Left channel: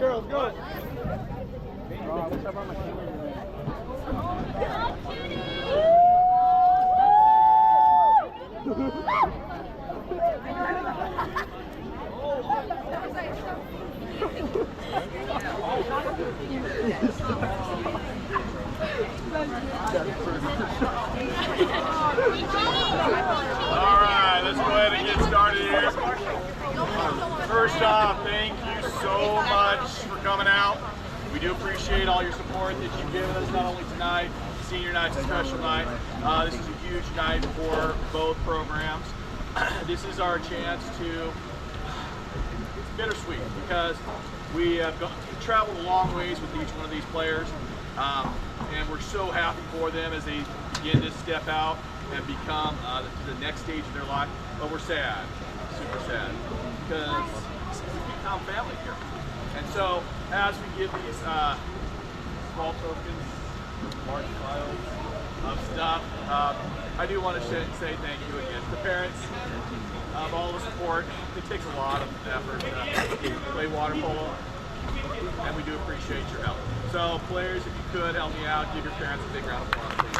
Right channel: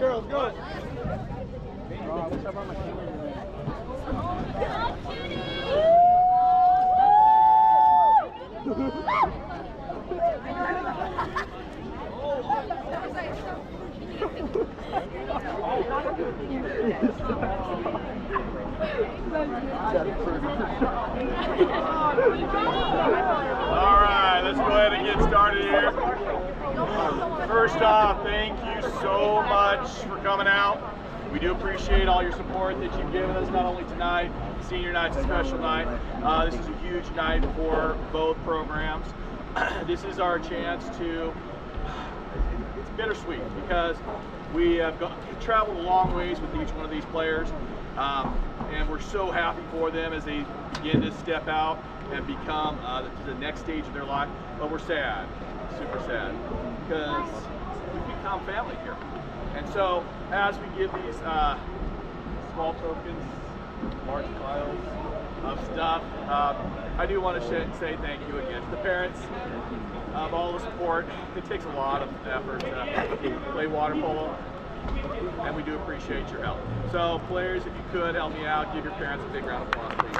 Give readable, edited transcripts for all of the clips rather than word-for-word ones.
Girls, go. All right, let's go ahead and get started here. First off, thank you so much for coming out. We do appreciate all your support that you've given us, not only tonight, senior night's a special night. This is a huge night for both programs. This is our chance to, it's bittersweet because we have traveled a long ways with each one of these players, and we're so happy for them as they begin to step out and become the next stage of their life. But we're sad, super sad, because we've become family here. And so as we give these small tokens, large files of stuff, I do want to say thank you again to the parents of all the support. It takes a lot of effort to play water polo, and we do appreciate your help. So players, if you could help me out, give your parents a big round of applause, please.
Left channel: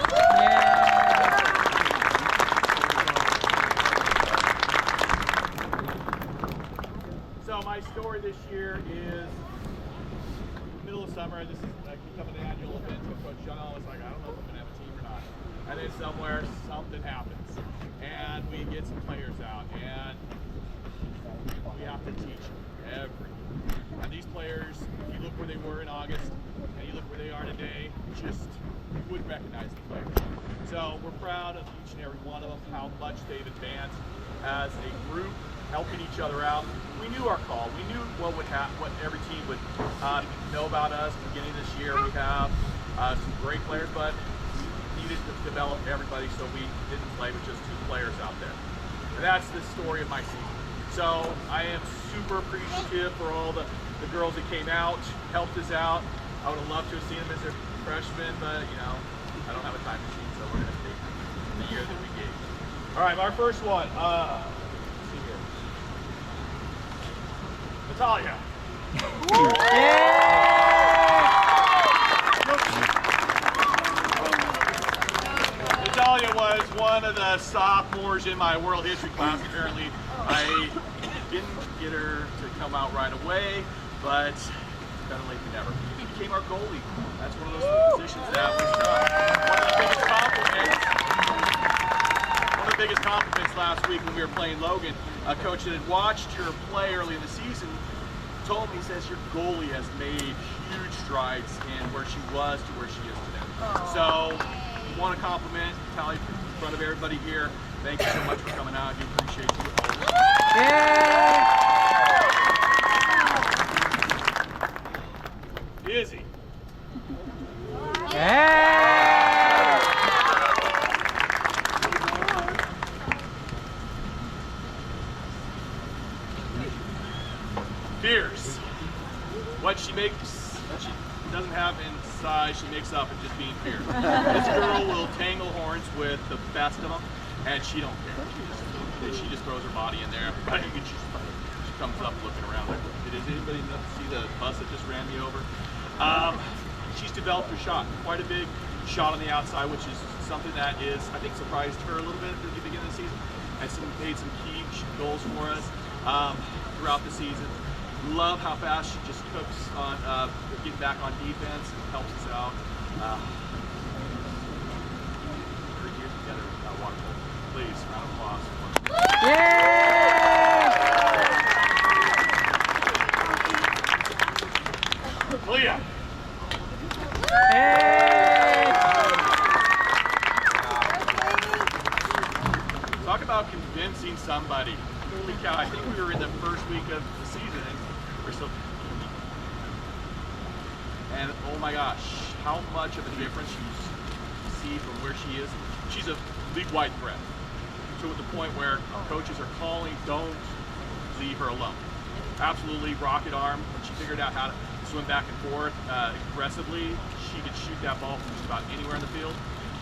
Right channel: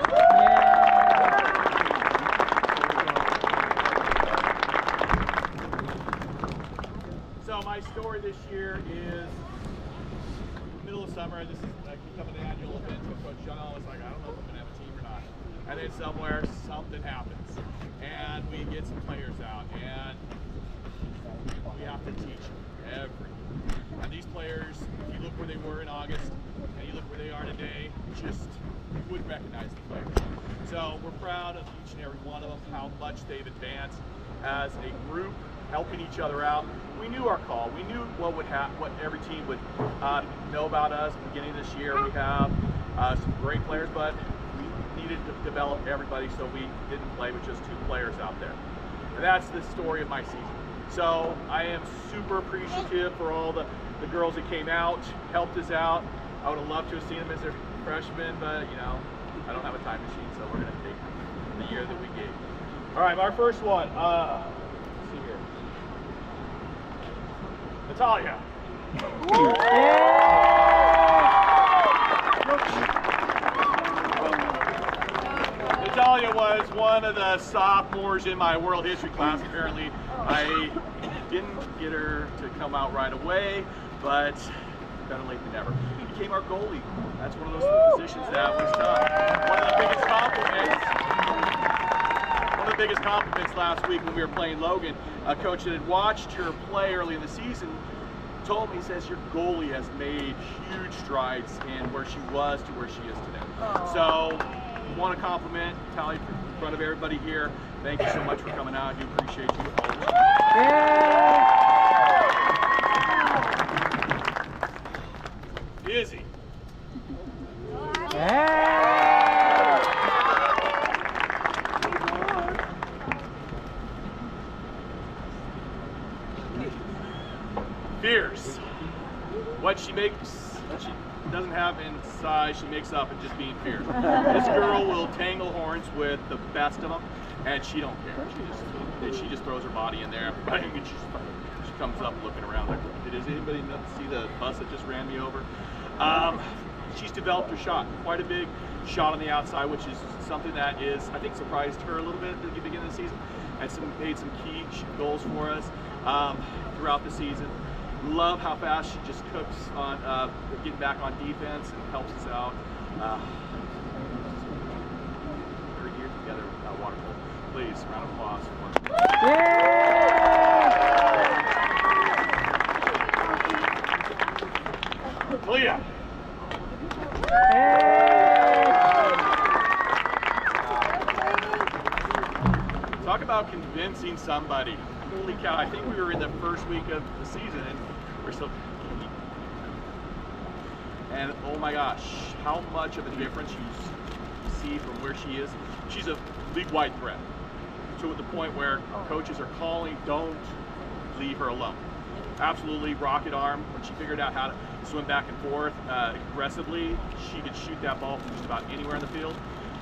So my story this year is middle of summer. This is becoming an annual event. So Coach John was like, I don't know if I'm gonna have a team or not. And then somewhere something happens, and we get some players out, and we have to teach everything. And these players, if you look where they were in August, and you look where they are today, just you wouldn't recognize the players. So we're proud of each and every one of them, how much they've advanced as a group, helping each other out. We knew our call. We knew what every team would know about us. At the beginning of this year, we have some great players, but we needed to develop everybody, so we didn't play with just 2 players out there. And that's the story of my season. So I am super appreciative for all the girls that came out, helped us out. I would have loved to have seen them as their freshmen, but you know, I don't have a time machine, so we're gonna take the year that we gave. All right, our first one. Let's see here. Natalia. Natalia was one of the sophomores in my world history class. Apparently, I didn't get her to come out right away, but better late than never. She became our goalie. That's one of those positions that was tough. One of the biggest compliments last week when we were playing Logan, a coach that had watched her play early in the season told me, he says, your goalie has made huge strides in where she was to where she is today. Aww. So, I want to compliment Natalia in front of everybody here. Thank you so much for coming out. I do appreciate you always. Yeah. Izzy. Yeah. Fierce. What she doesn't have inside, she makes up in just being fierce. This girl will tangle horns with the best of them, and she don't care. She just throws her body in there. She comes up looking around like, did anybody see the bus that just ran me over? She's developed her shot, quite a big shot on the outside, which is something that is, I think, surprised her a little bit at the beginning of the season, and made some key goals for us throughout the season. Love how fast she just cooks on getting back on defense and helps us out. 30 years together with water polo. Please, round of applause for Leah. Talk about convincing somebody. Holy cow, I think we were in the first week of the season and we're still and oh my gosh, how much of a difference you see from where she is. She's a league-wide threat, to the point where coaches are calling, don't leave her alone. Absolutely rocket arm. When she figured out how to swim back and forth aggressively, she could shoot that ball from just about anywhere in the field,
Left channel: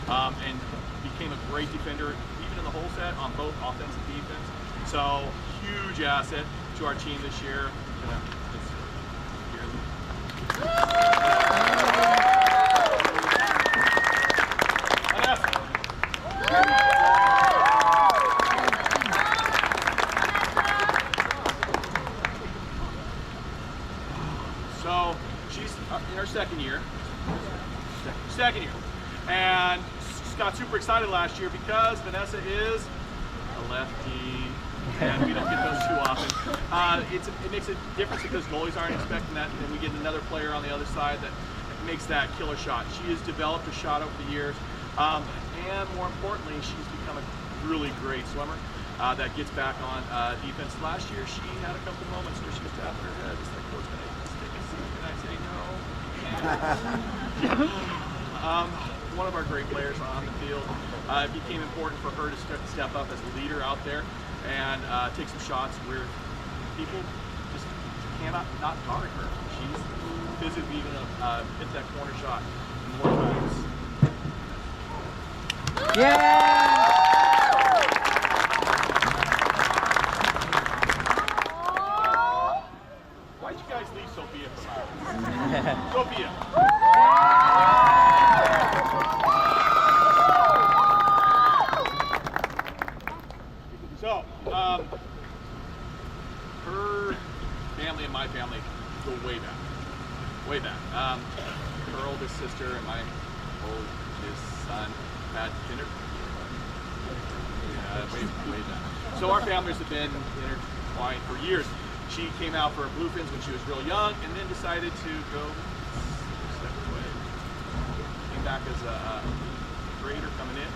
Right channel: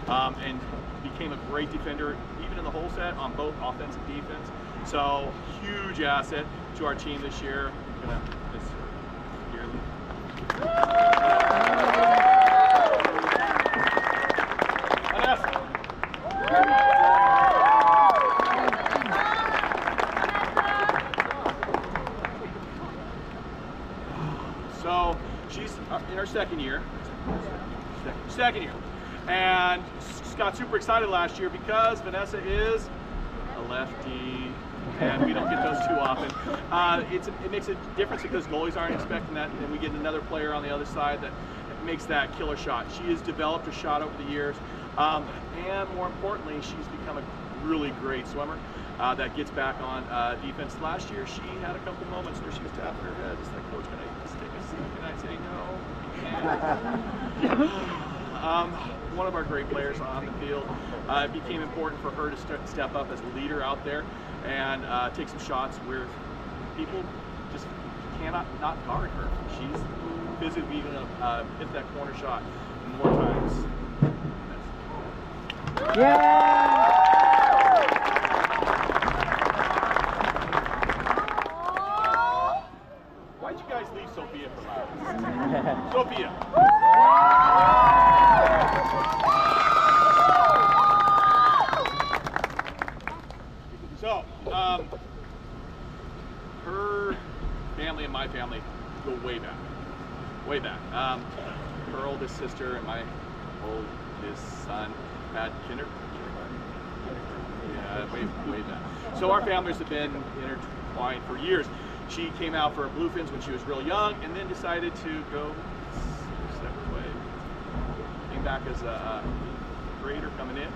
and became a great defender, even in the whole set, on both offense and defense. So, huge asset to our team this year. So she's in her second year, and she got super excited last year because Vanessa is a lefty, and we don't get those too often. It makes a difference because goalies aren't expecting that, and we get another player on the other side that makes that killer shot. She has developed a shot over the years, and more importantly, she's become a really great swimmer that gets back on defense. Last year, she had a couple moments where she was tapping her head, just like, "Coach, can I take a seat?" And I say, "No." One of our great players on the field. It became important for her to step up as a leader out there and take some shots where people just cannot not guard her. She's physically going to hit that corner shot more times. Yeah! Why'd you guys leave Sophia from ours? Sophia! So, her family and my family go way back. Way back. Her oldest sister and my oldest son had dinner. Yeah, way back. So our families have been intertwined for years. She came out for Bluefins when she was real young, and then decided to go separate ways. Came back as a grader coming in.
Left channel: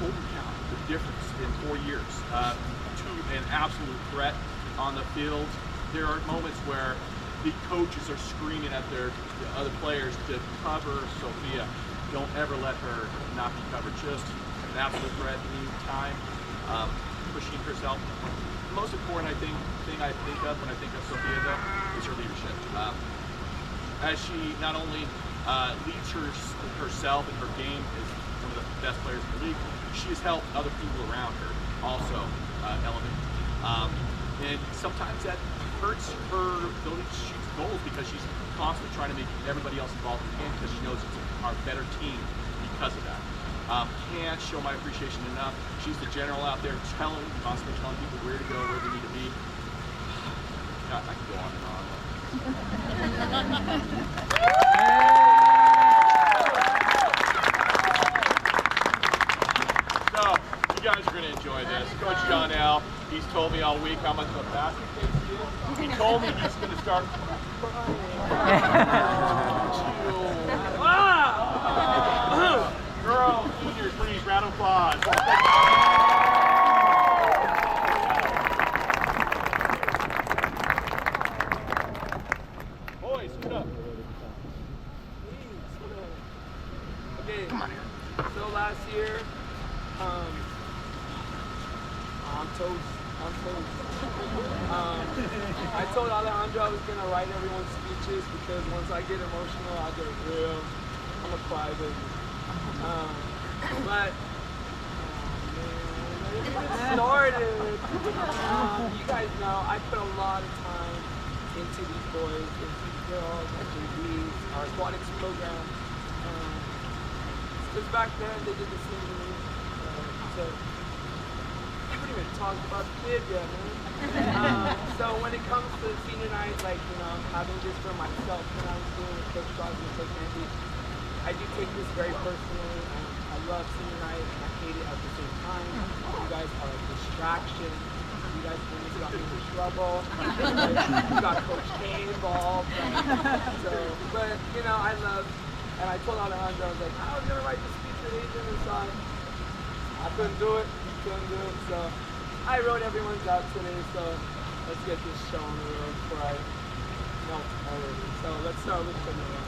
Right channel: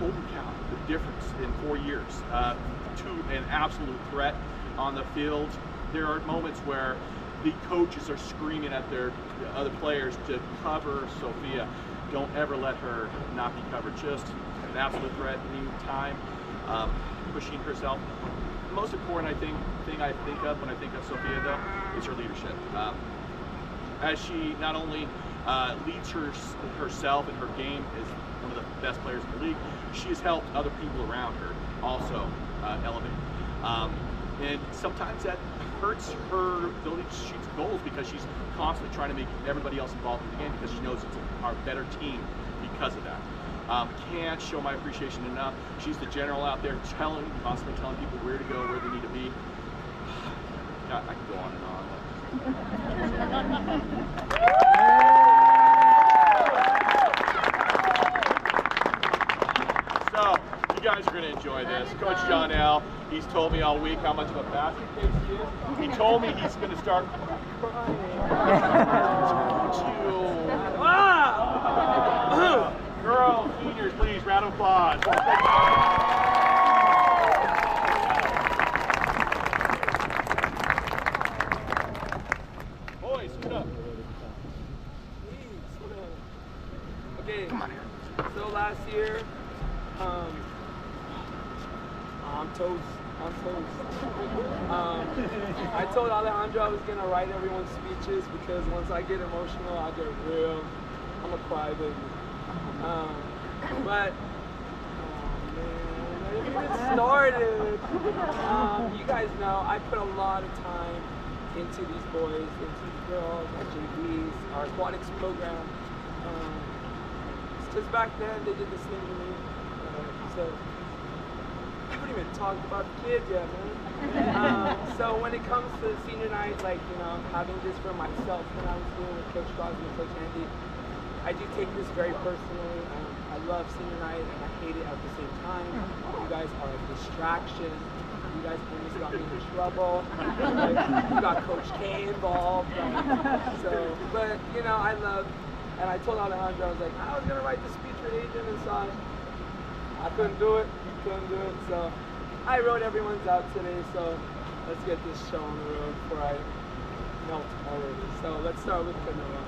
Holy cow, the difference in 4 years to an absolute threat on the field. There are moments where the coaches are screaming at the other players to cover Sophia. Don't ever let her not be covered. Just an absolute threat anytime, pushing herself. The most important thing I think of when I think of Sophia, though, is her leadership. As she not only leads herself and her game as one of the best players in the league, she has helped other people around her also elevate. And sometimes that hurts her ability to shoot goals because she's constantly trying to make everybody else involved in the game because she knows it's our better team because of that. Can't show my appreciation enough. She's the general out there constantly telling people where to go, where they need to be. God, I can go on and on. So, you guys are going to enjoy this. Coach John L., he's told me all week how much of a basket case he is. He told me he's going to start crying. Girls, seniors, please, round of applause. Boys, scoot up. Okay, so last year, I'm toast. I told Alejandro I was going to write everyone's speeches because once I get emotional, I get real. I'm a crybaby. But, man, started. You guys know I put a lot of time into these boys, into these girls, our JVs, our aquatics program. Because back then they did the same to me. So I haven't even talked about the kid yet, man. So when it comes to senior night, like, you know, having this for myself when I was doing with Coach Crosby and Coach Andy, I do take this very personally. I love senior night and I hate it at the same time. You guys are a distraction. You guys almost got me into trouble. You got Coach K involved. But you know, I love, and I told Alejandro, I was like, I was gonna write the speech for Adrian and Son. I couldn't do it. So I wrote everyone's out today. So let's get this show on the road before I melt already. So let's start with canoa.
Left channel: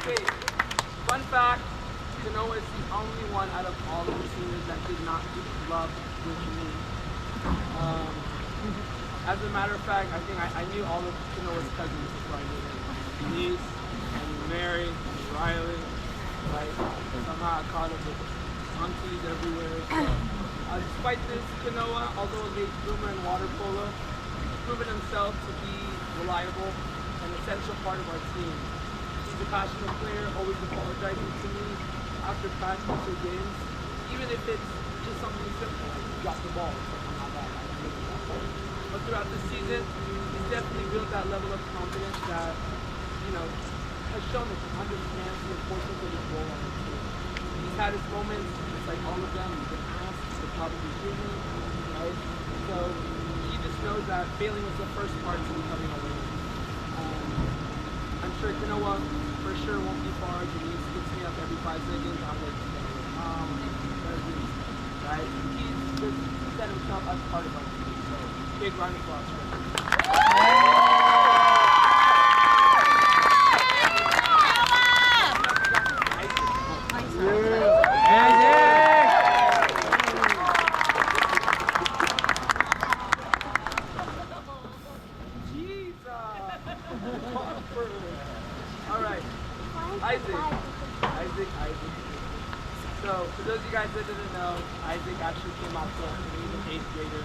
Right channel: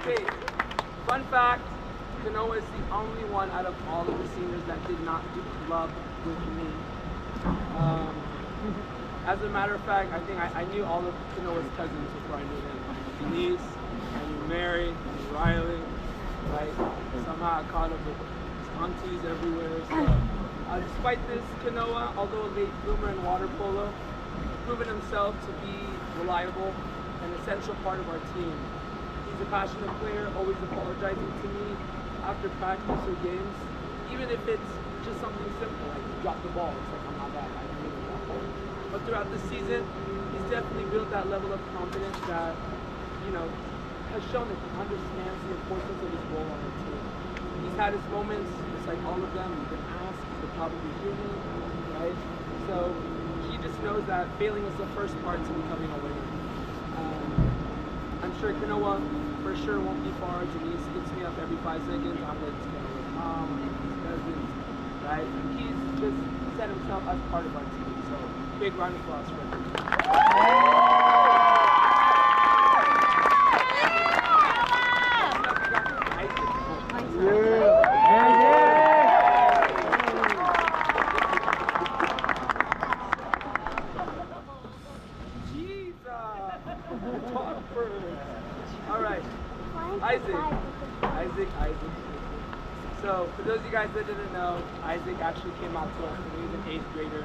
Okay, fun fact, canoa is the only one out of all of the seniors that did not do club with me. As a matter of fact, I think I knew all of Canoa's cousins before I knew him. Denise, I knew Mary, I knew Riley, right? Somehow I caught up with aunties everywhere. So, despite this, Canoa, although a late bloomer in water polo, he's proven himself to be reliable and an essential part of our team. He's a passionate player, always apologizing to me after practice or games, even if it's just something simple like drop the ball. It's like, I'm not that. I can make that ball. But throughout the season, he's definitely built that level of confidence that, has shown that he understands the importance of his role on the team. He's had his moments, just like all of them. He's been asked to probably do me, right? So he just knows that failing is the first part to becoming a winner. I'm sure Canoa for sure won't be far. Denise hits me up every 5 seconds. I'm like, Mom, cousins, right? He's just set himself as part of our team. So big round of applause for him. Isaac. So, for those of you guys that didn't know, Isaac actually came out to us when he was an 8th grader.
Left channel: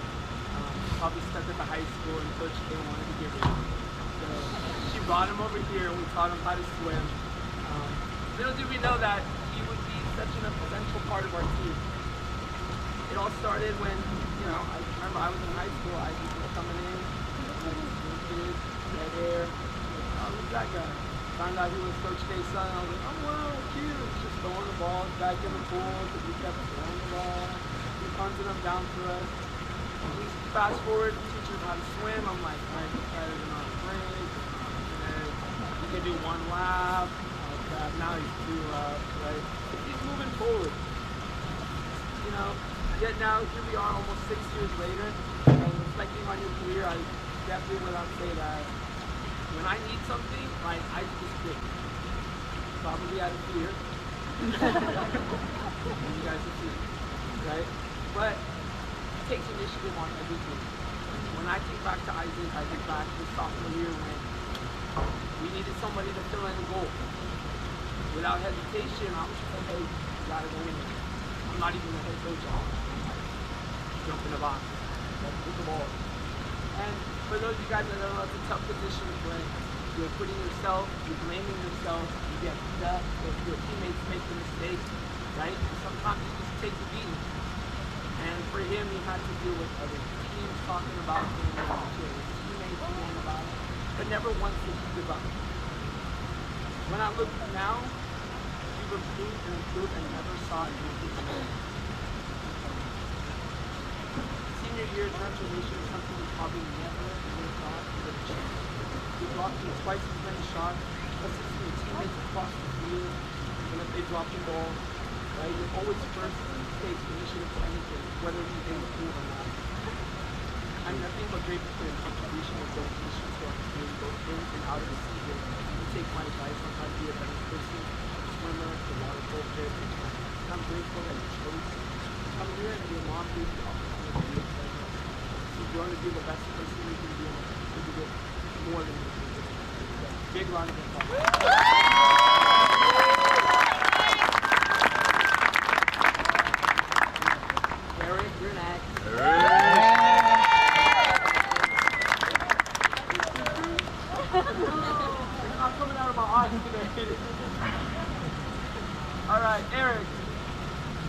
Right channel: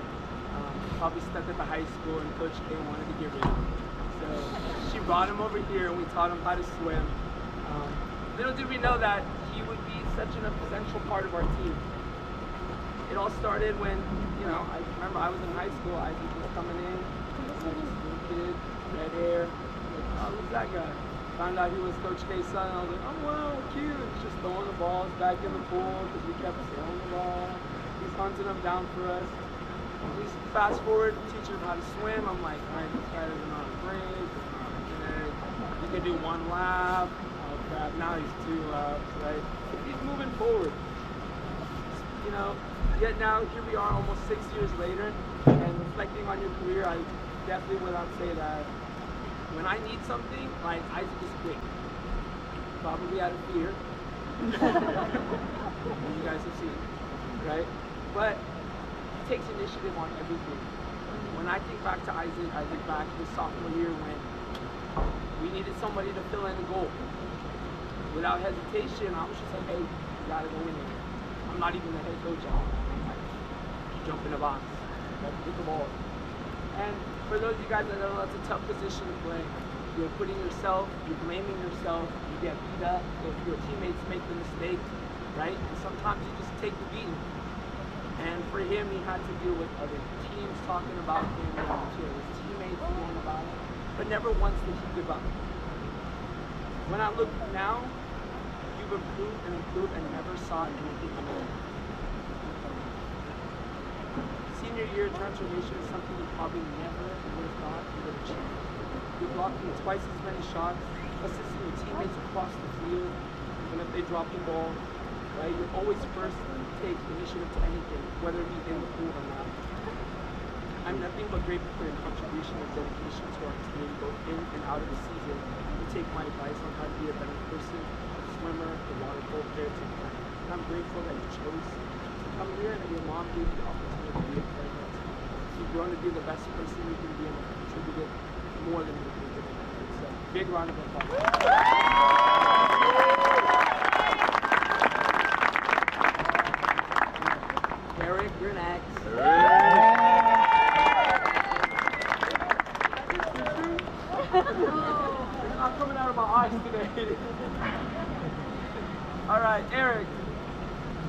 Probably stuck at the high school and Coach K wanted to get rid of him. So, she brought him over here and we taught him how to swim. Little did we know that he would be such an essential part of our team. It all started when, I remember I was in high school, Isaac was coming in, little kid, red hair, oh, who's that guy? Found out he was Coach K's son. I was like, oh wow, cute. He's just throwing the balls back in the pool because we kept throwing the ball. He punted them down for us. And we fast forward, teaching him how to swim. I'm like, all right, this guy doesn't know how to break. He can do 1 lap. Oh crap, now he's 2 laps, right? He's moving forward. Yet now here we are almost 6 years later, and reflecting on your career, I definitely would not say that when I need something, like, I just quit. Probably out of fear. You guys will see, right? But it takes initiative on everything. When I think back to Isaac back his sophomore year when we needed somebody to fill in the goal. Without hesitation, I was just like, hey, you gotta go in there. I'm not even the head coach. I'm like, jump in the box. Let's get the ball. And for those of you guys that know, that's a tough position to play. You're putting yourself, you're blaming yourself, you get beat up, if your teammates make the mistake, right? And sometimes you just take the beating. And for him, he had to deal with other teams talking about him, his teammates going about it, but never once did he give up. When I look now, you've improved and never saw anything more. Senior year transformation is something we probably never would have thought we would achieve. You blocked twice as many shots, assisting your teammates across the field, even if they drop the ball, right? You're always first to take initiative to anything, whether it be in the pool or not. I'm nothing but grateful for your contribution and dedication to our team, both in and out of the season. You take my advice on how to be a better person, a swimmer, a water polo player, and I'm grateful that you chose to come here and your mom gave you the opportunity to be a player. You've grown to be the best person you can be and contribute more than you can do. So, big round of applause. Eric, you're next. I'm coming out of my eyes today. All right, Eric.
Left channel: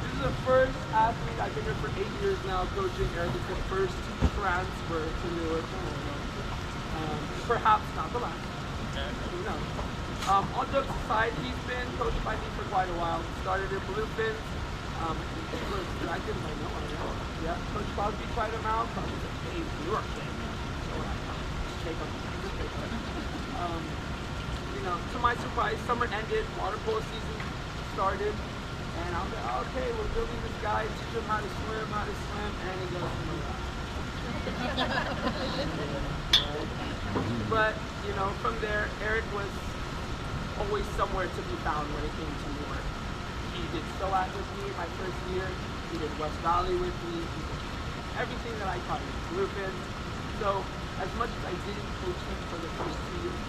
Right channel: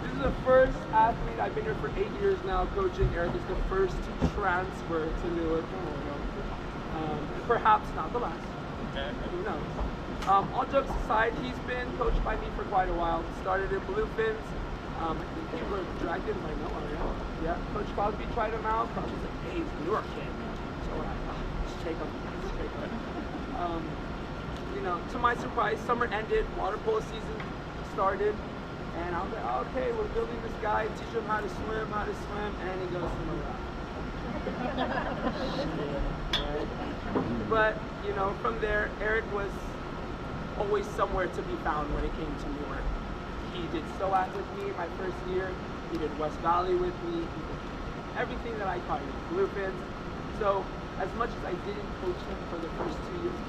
This is the first athlete. I've been here for 8 years now coaching. Eric is the first transfer to Newark. Perhaps not the last. Who knows? All jokes aside, he's been coached by me for quite a while. Started in Bluefins. I think he was Dragons. I know. Yeah, Coach Crosby tried him out. Crosby was like, hey, Newark kid. So we're like, just take him. To my surprise, summer ended, water polo season started, And I was like, oh, okay, we're building this guy, teach him how to swim, and he goes from around. But, you know, from there, Eric was always somewhere to be found when it came to Newark. He did SOAT with me my first year. He did West Valley with me. He did everything that I taught him. Bluefin. So, as much as I didn't coach him for the first 2 years,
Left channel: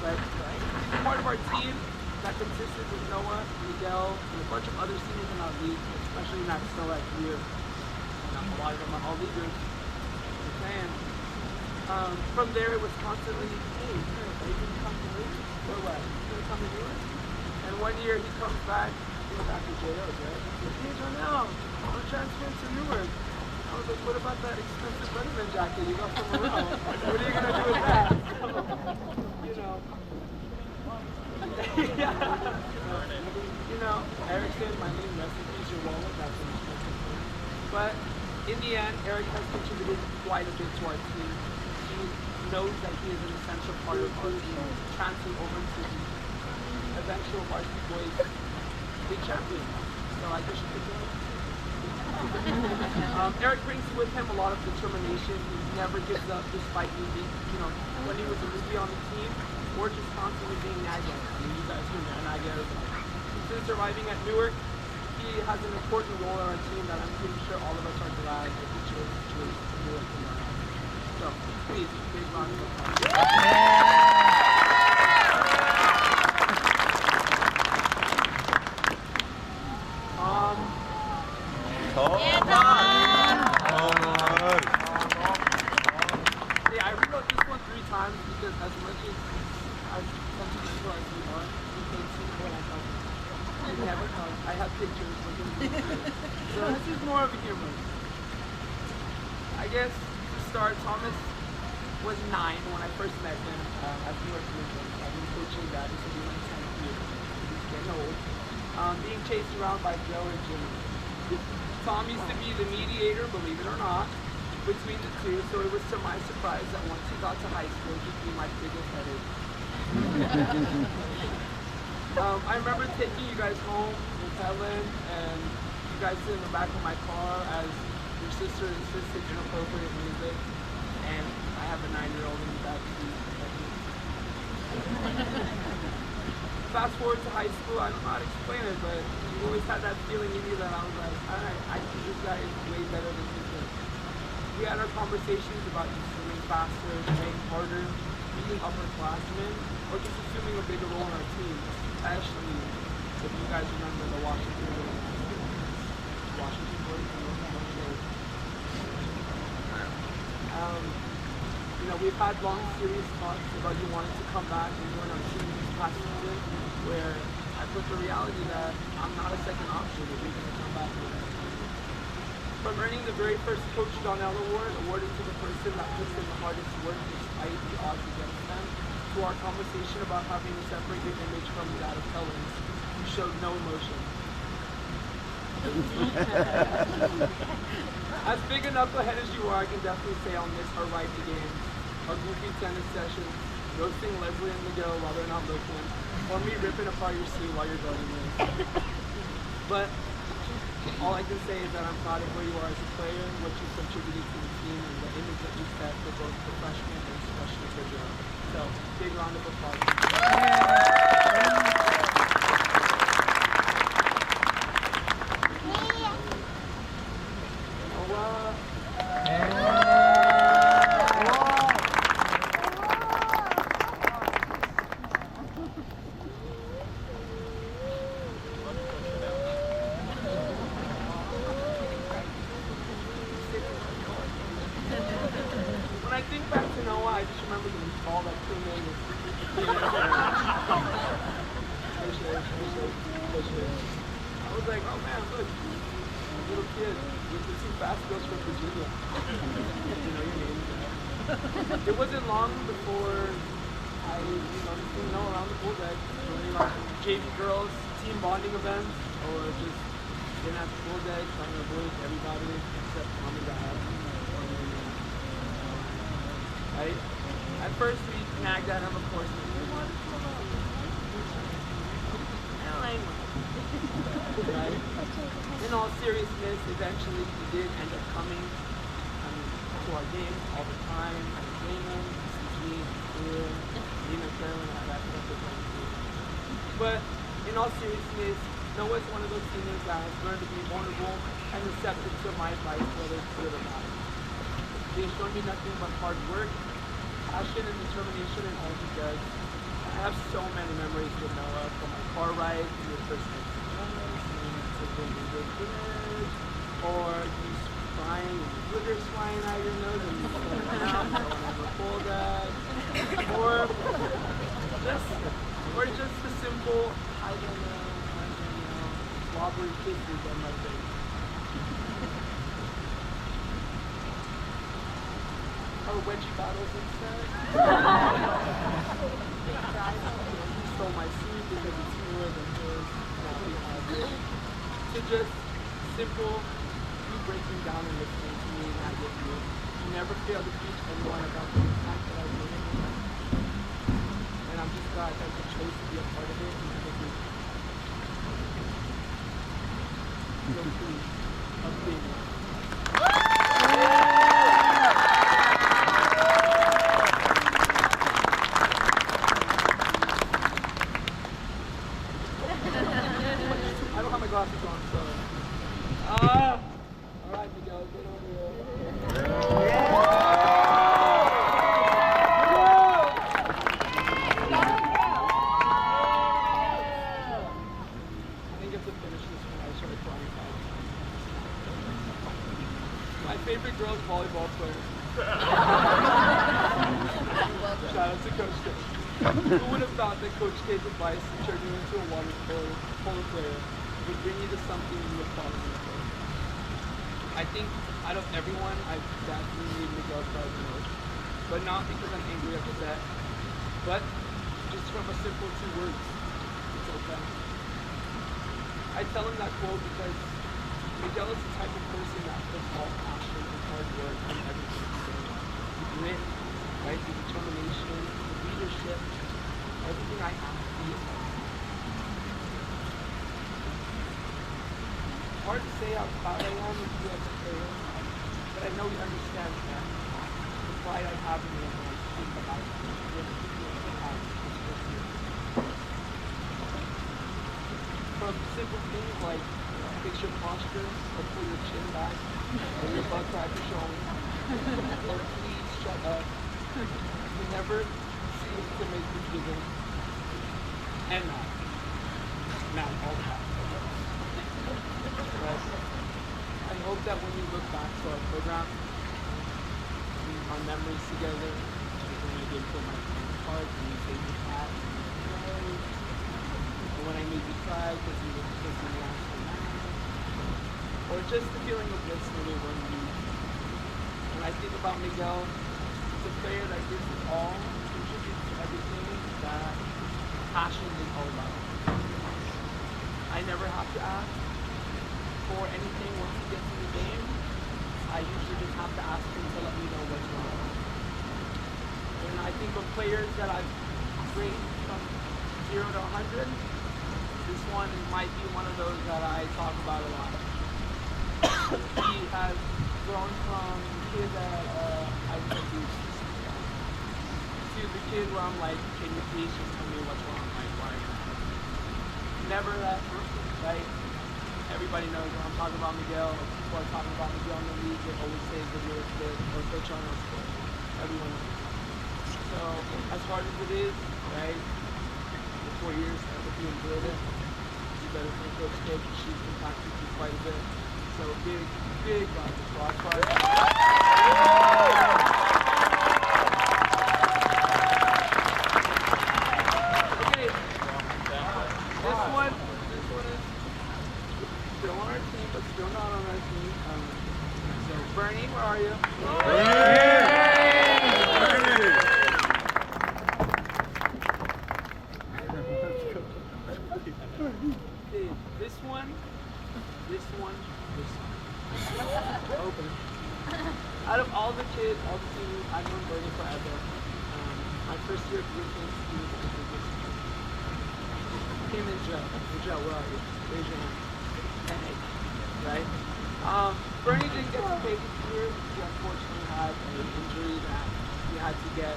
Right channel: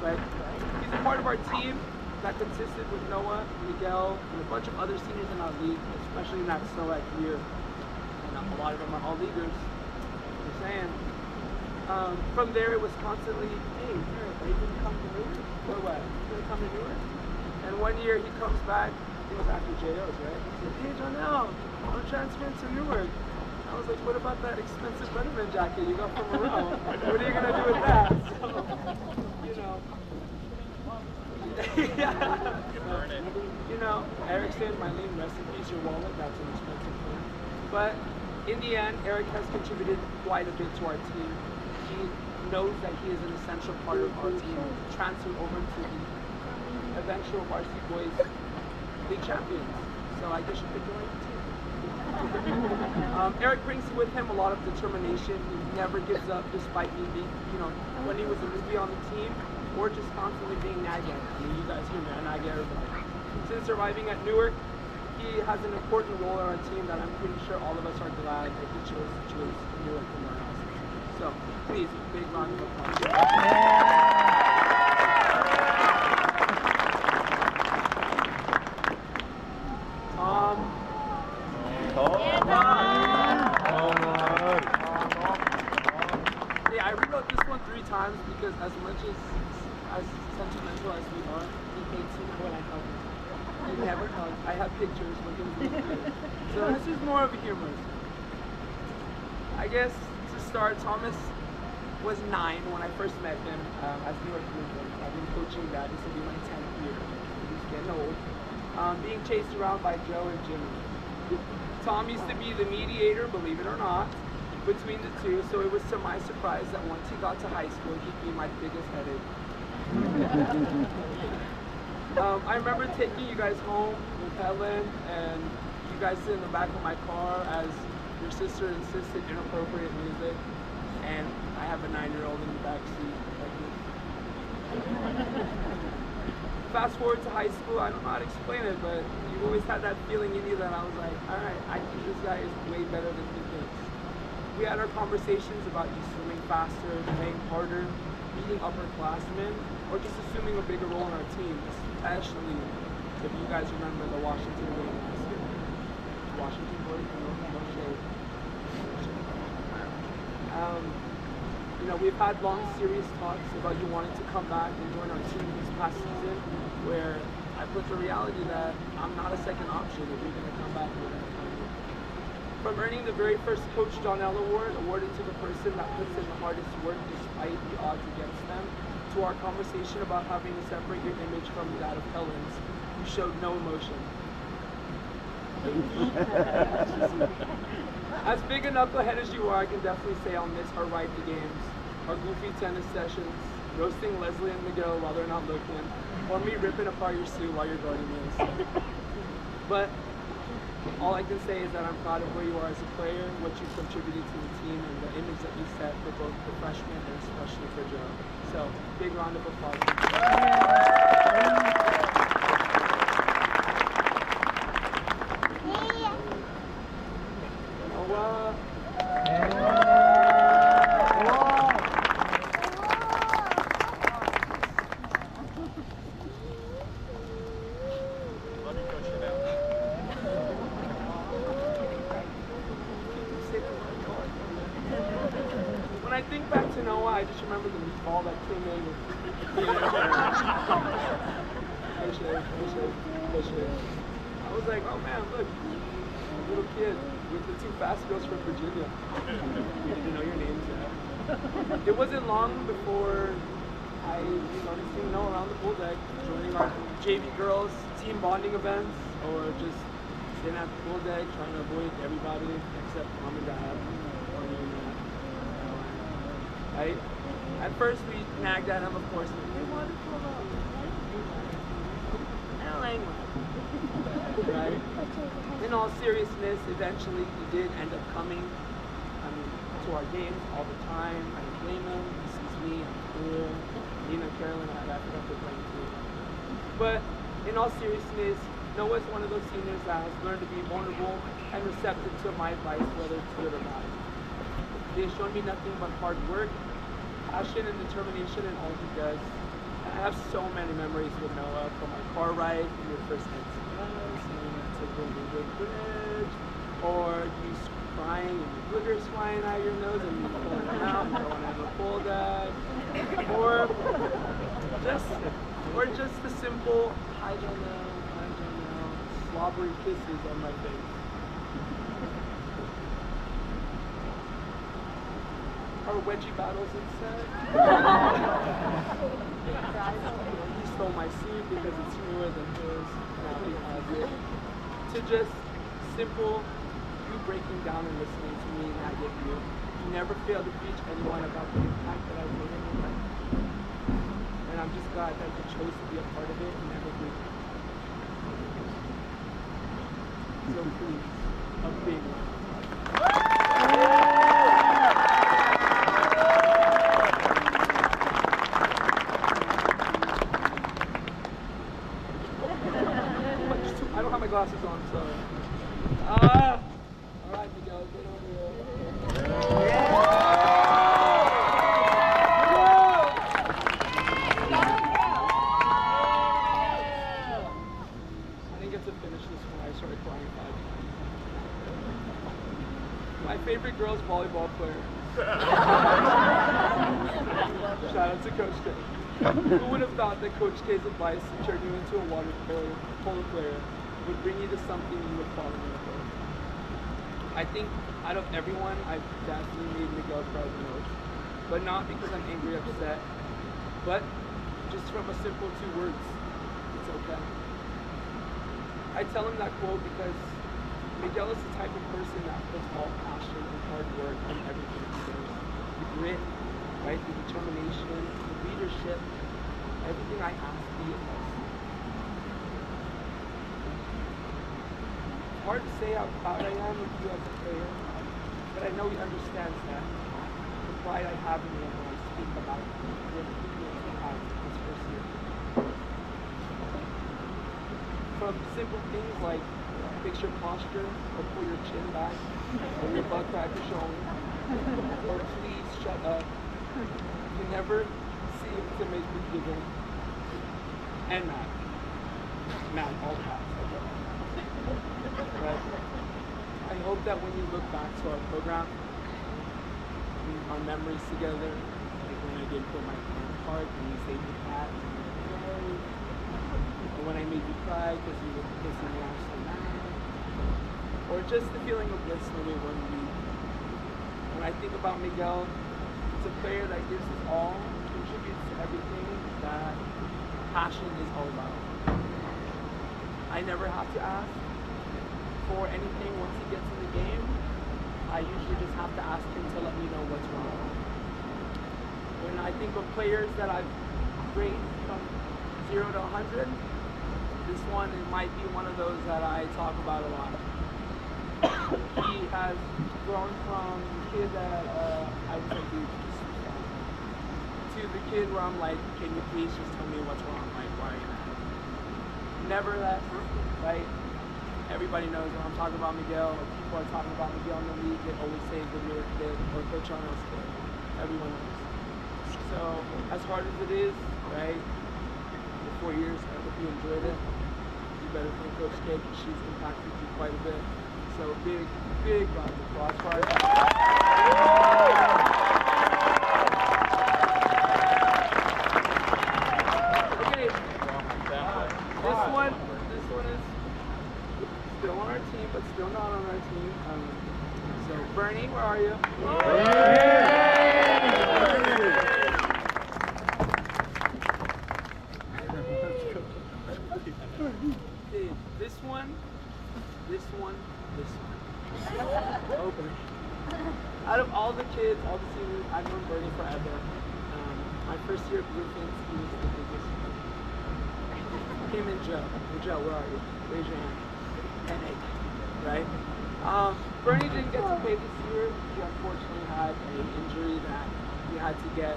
but he's a part of our team that consisted with Noah, Miguel, and a bunch of other seniors in our league, especially in that SOAT year. And a lot of them are all leaders. Just saying. From there, it was constantly, hey, Eric, are you going to come to Newark? Or what? You going to come to Newark? And one year he comes back, he was after JO's, right? He said, hey, Jonelle, I'm transferring to Newark. I was like, what about that expensive Letterman jacket you got from Monroe? What are you going to do with that? So, you know. You know, Eric said, my name, rest in peace, your wallet, that's an expensive thing. But in the end, Eric has contributed quite a bit to our team. He knows that he is an essential part of our team. Transferred over to the eventual varsity boys big champion. So I guess you could join. Eric brings with him a lot of determination. He never gives up despite me being, you know, when he was a newbie on the team, or just constantly being nagged at. I mean, you guys hear me, I nag everybody. Since arriving at Newark, he has an important role on our team that I'm pretty sure all of us are glad that he chose Newark from our house. So, please, big round of applause. I rewrote this one 3 times because as much as sentimental as we are, we can't see when I hug you. I never hug. I have pictures. So this is more of a humor. I guess to start, Thomas was 9 when I first met him at Newark Bluefin. I've been coaching that. This will be my 10th year. He's getting old. Being chased around by Joe and Jimmy. Tom used to be the mediator, believe it or not, between the two, so it was to my surprise that once he got to high school, he'd be my biggest headache. I remember taking you guys home with Helen, and you guys sit in the back of my car as your sister insisted inappropriate music, and I have a 9-year-old in the back seat. Fast forward to high school, I don't know how to explain it, but you've always had that feeling in you that I was like, alright, I think this guy is way better than he is. We had our conversations about you swimming faster, training harder, being upperclassmen, or just assuming a bigger role in our team, especially if you guys remember the Washington boys. Washington boys, you know, we've had long, serious talks about you wanting to come back and join our team this past season, where I put the reality that I'm not a second option if you're going to come back with us. From earning the very first Coach Donnell Award, awarded to the person that puts in the hardest work despite the odds against them, to our conversation about having to separate your image from that of Helen's, you showed no emotion. As big a knucklehead as you are, I can definitely say I'll miss our rifle games, our goofy tennis sessions, roasting Leslie and Miguel while they're not looking, or me ripping apart your suit while you're guarding me. But all I can say is that I'm proud of where you are as a player, what you contributed to the team, and the image that you set for both the freshmen and especially for Joe. So, big round of applause. When I think back to Noah, I just remember the ball that came in with I was like, oh man, look, little kid with the 2 fast girls from Virginia. You know your name. It wasn't long before I started seeing Noah around the pool deck, joining our JV girls team bonding events, or just getting at the pool deck, trying to avoid everybody except mom and dad. Right? At first we nagged at him, of course. We wanted to come out. I don't like much. Right? In all seriousness, eventually he did end up coming to our games all the time. I didn't blame him. He sees me, I'm cool. Nina, Carolyn, I wrapped it up with playing too. But in all seriousness, Noah's one of those seniors that has learned to be vulnerable and receptive to my advice, whether it's good or bad. He has shown me nothing but hard work, passion, and determination in all he does. I have so many memories with Noah, from our car ride to your first night to the bridge, or you crying and glitter flying out your nose and you pulling it out, so I never pull that, or just the simple I don't know, slobbery kisses on my face. Or wedgie battles instead. He stole my suit because it's newer than his. Now we have it. To just simple, you breaking down and listening to me and I get you. You never fail to teach anyone about the impact that I've made in your life. And I'm just glad that you chose to be a part of it and never do. So please, a big one. I don't have my glasses on, so. Alright, Miguel, get over here. I didn't get to finish this when I started crying 5 times. My favorite girl's volleyball player. Shout out to Coach K. Who would have thought that Coach K's advice to turn you into a water polo player would bring you to something you would fall in love with? I think out of everyone, I've definitely made Miguel cry the most. But not because I'm angry or upset, but just from a simple 2 words. It's okay. I tell him that quote because Miguel is the type of person that puts all passion and hard work in everything he does. The grit, right? The determination, the leadership, everything I have to be about. Hard to say how proud I am of you as a player, but I know he understands that. The pride I have in him when I speak about the people he has this first year. From simple things like fix your posture, or pull your chin back, or your butt crack is showing, or please shut up. You never seem to make me giggle. And mad. Mad all the time. But I hope that when you look back to our program, our memories together, like when I did put my card and you saved the cat, or when I made you cry because you were kissing me after that, or just the feeling of bliss when we won you. When I think about Miguel, it's a player that gives it all, contributes to everything that passion is all about. I never have to ask for anything once he gets in the game. I usually just have to ask him to let me know what's wrong. When I think of players that I've rated from 0 to 100, this one might be one of those that I talk about a lot. He has grown from the kid that I was abused to the kid where I'm like, can you please just tell me what's wrong? Like, why are you mad? Never that person, right? Everybody knows when I'm talking about Miguel, or people are talking about Miguel in the league, they always say the Newark kid or Coach Arnold's kid. Everyone knows. So, as hard as it is, right, the 4 years, I hope you enjoyed it. You better thank Coach K, because she's impacted you quite a bit. So, big round of applause for her. Okay, this one is still on our team, but still not on our team. So, Bernie, where are you? Okay, this one. Open. Out of all the kids, all the seniors, I've known Bernie forever. My first year of Europeans, he was the biggest. Him and Joe. Hey, Joe, where are you? Raise your hand. And Nate, right? Bernie didn't get to play this year. He unfortunately had an injury that he had to get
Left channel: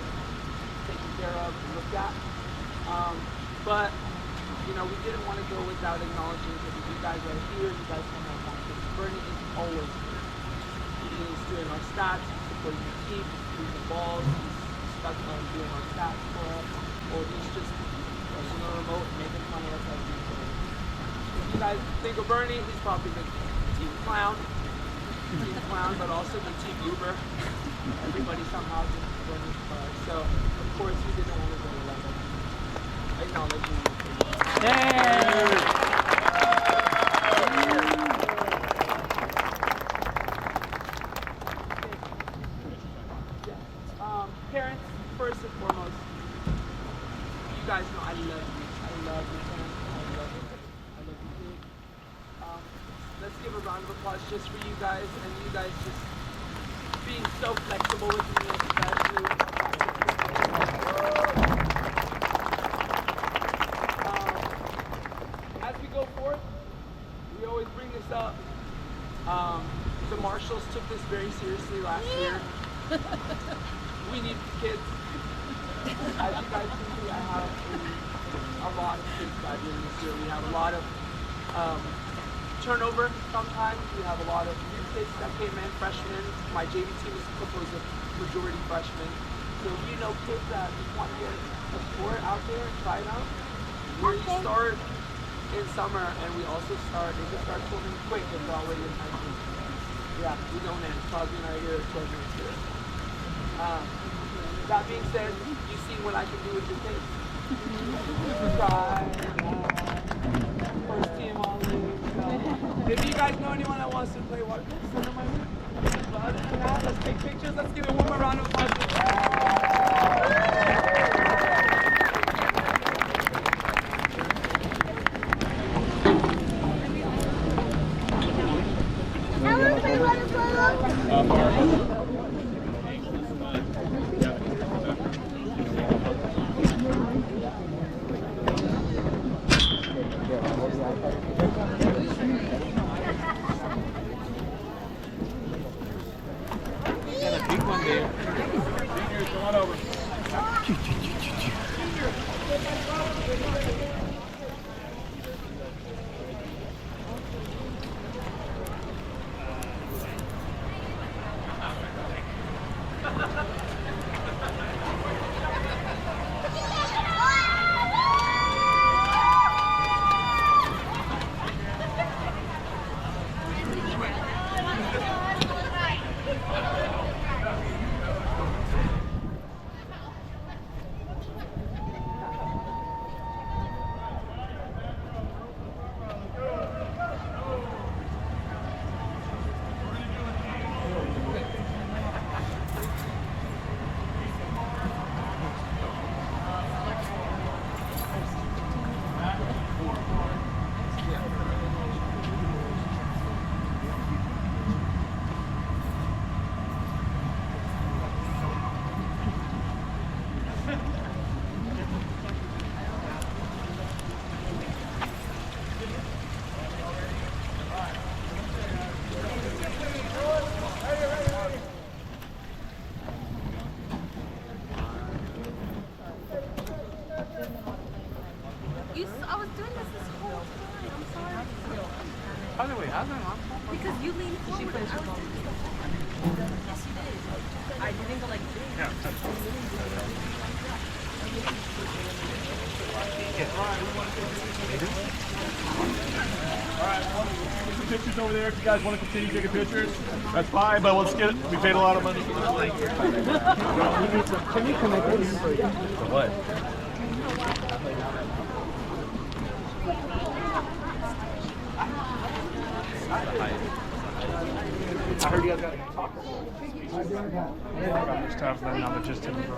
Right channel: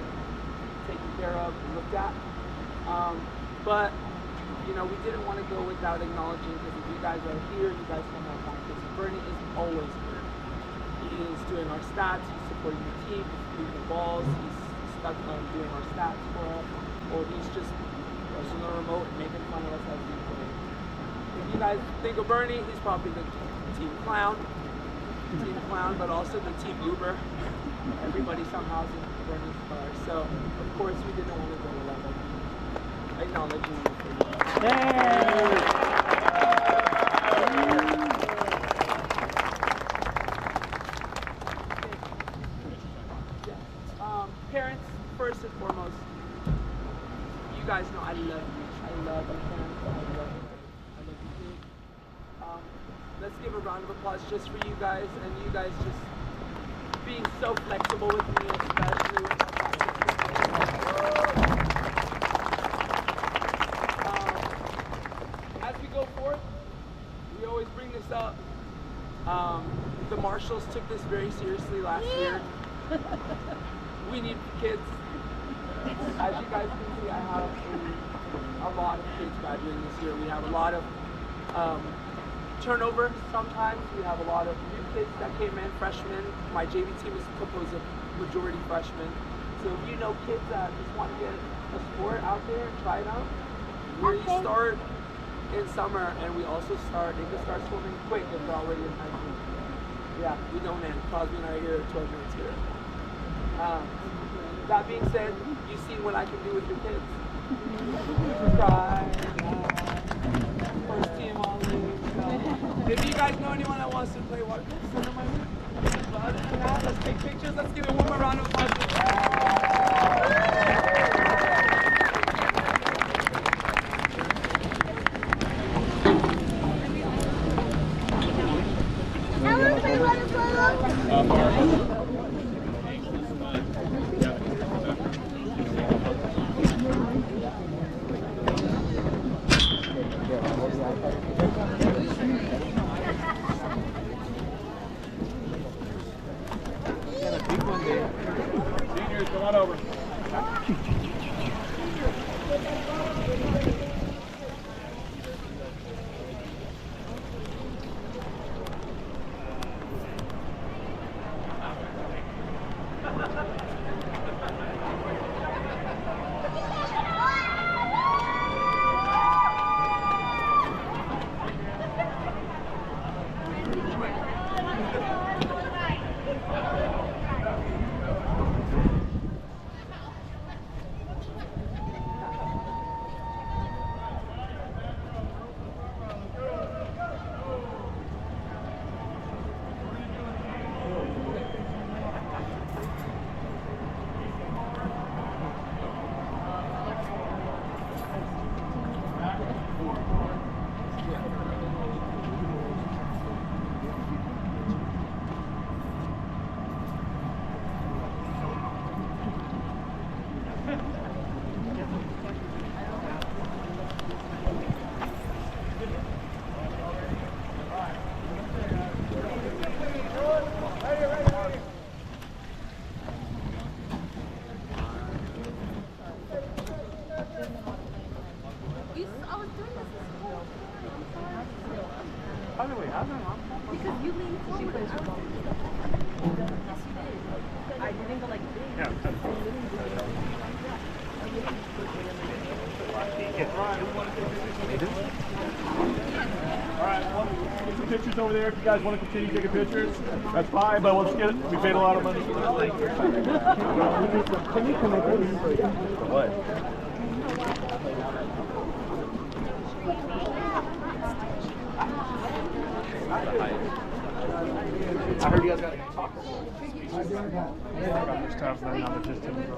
taken care of and looked at. But you know, we didn't want to go without acknowledging, because if you guys are here, you guys come out practice. Bernie is always here. He is doing our stats, he's supporting the team, he's doing the balls, he's stuck on doing our stats for us, or he's just pressing the remote and making fun of us as we play. If you guys think of Bernie, he's probably the team clown, but also the team Uber. Everybody somehow is in Bernie's car. So, of course, we didn't want to go without acknowledging you. Parents, first and foremost, you guys know I love you. I love you, parents. I love you. I love you big. Let's give a round of applause just for you guys, and you guys just being so flexible with me, especially with my as we go forth, we always bring this up. The Marshalls took this very seriously last year. We need kids. As you guys can see, I have a lot of kids graduating this year. We have a lot of turnover sometimes. We have a lot of new kids that came in, freshmen. My JV team is composed of majority freshmen. So if you know kids that just want to get a sport out there and try it out, we start in summer, and we also they can start swimming quick if they're already in high school. Yeah, we don't end. Crosby and I are here 12 minutes here. That being said, you've seen what I can do with your kids. Try, first team all league. So, if you guys know anyone that wants to play water, send them my way. But other than that, let's take pictures. Let's give it one more round of applause. Seniors, come on over. Because you leaned forward. She plays your ball. Yes, you did. I didn't go like this. Yeah. Alright, get some pictures over there if you guys want to continue taking pictures. That's fine, but let's get it. We paid a lot of money for this. Can you connect this? For what? I heard you guys got to talk. Stuff that now they're just in the room.